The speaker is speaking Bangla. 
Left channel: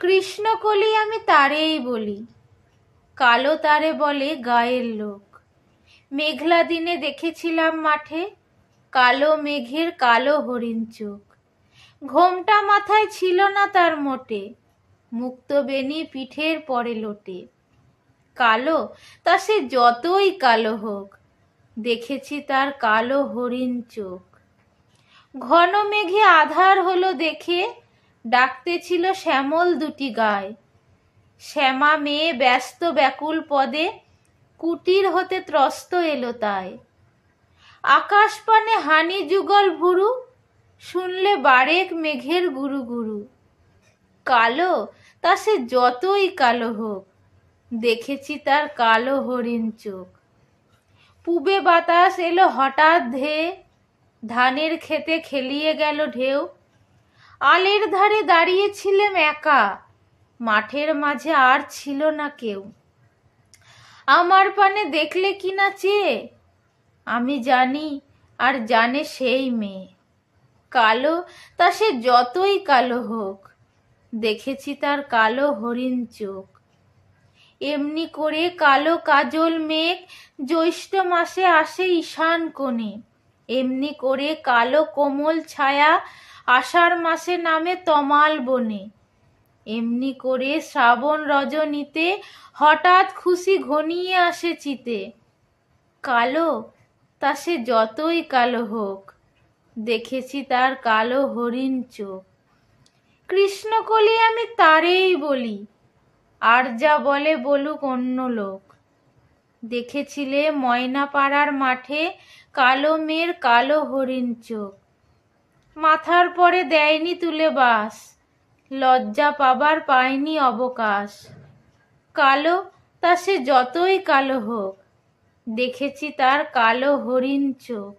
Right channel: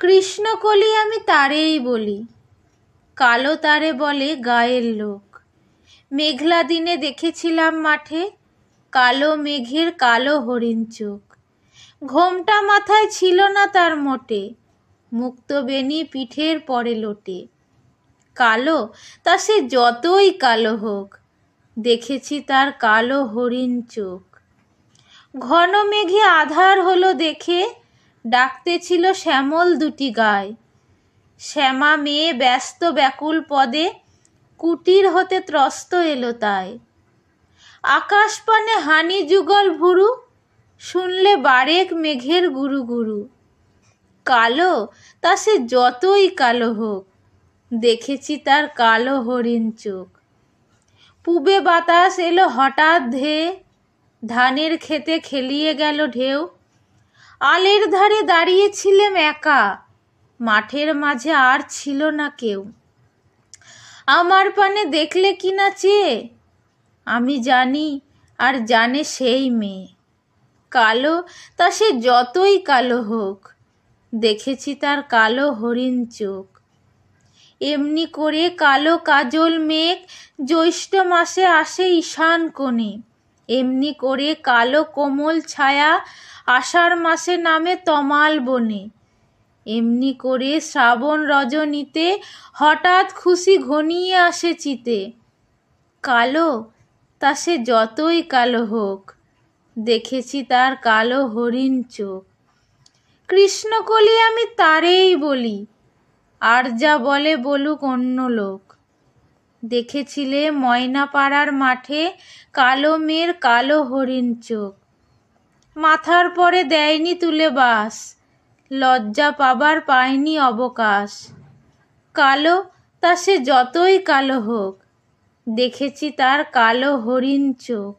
কৃষ্ণকলি আমি তারেই বলি, কালো তারে বলে গায়ের লোক। মেঘলা দিনে দেখেছিলাম মাঠে, কালো মেঘের কালো হরিণ চোখ। ঘোমটা মাথায় ছিল না তার মোটে, মুক্ত বেনি পিঠের পরে লোটে। কালো তা সে যতই কালো হোক, দেখেছি তার কালো হরিণ চোখ। ঘন মেঘে আধার হলো দেখে, ডাকতেছিল শ্যামল দুটি গায়। শ্যামা মেয়ে ব্যস্ত ব্যাকুল পদে, কুটির হতে ত্রস্ত এলো তাই। আকাশ পানে হানি যুগল ভুরু, শুনলে বারেক মেঘের গুরু গুরু। কালো তা সে যতই কালো হোক, দেখেছি তার কালো হরিণ চোখ। পূবে বাতাস এলো হঠাৎ ধেয়ে, ধানের খেতে খেলিয়ে গেল ঢেউ। আলের ধারে দাঁড়িয়েছিলাম একা, মাঠের মাঝে আর ছিল না কেউ। আমার পানে দেখলে কিনা চেয়ে, আমি জানি আর জানে সেই মেয়ে। কালো তা সে যতই কালো হোক, দেখেছি তার কালো হরিণ চোখ। এমনি করে কালো কাজল মেঘ জ্যৈষ্ঠ মাসে আসে ঈশান কোণে। এমনি করে কালো কোমল ছায়া আষাঢ় মাসে নামে তমাল বনে। এমনি করে শ্রাবণ রজনীতে হঠাৎ খুশি ঘনিয়ে আসে চিতে। কালো তা সে যতই কালো হোক, দেখেছি তার কালো হরিণ চোখ। কৃষ্ণকলি আমি তারেই বলি, আর যা বলে বলুক অন্য লোক। দেখেছিলে ময়নাপাড়ার মাঠে কালো মেয়ের কালো হরিণ চোখ। মাথার পরে দেয়নি তুলে বাস, লজ্জা পাবার পায়নি অবকাশ। কালো তা সে যতই কালো হোক, দেখেছি তার কালো হরিণ চোখ।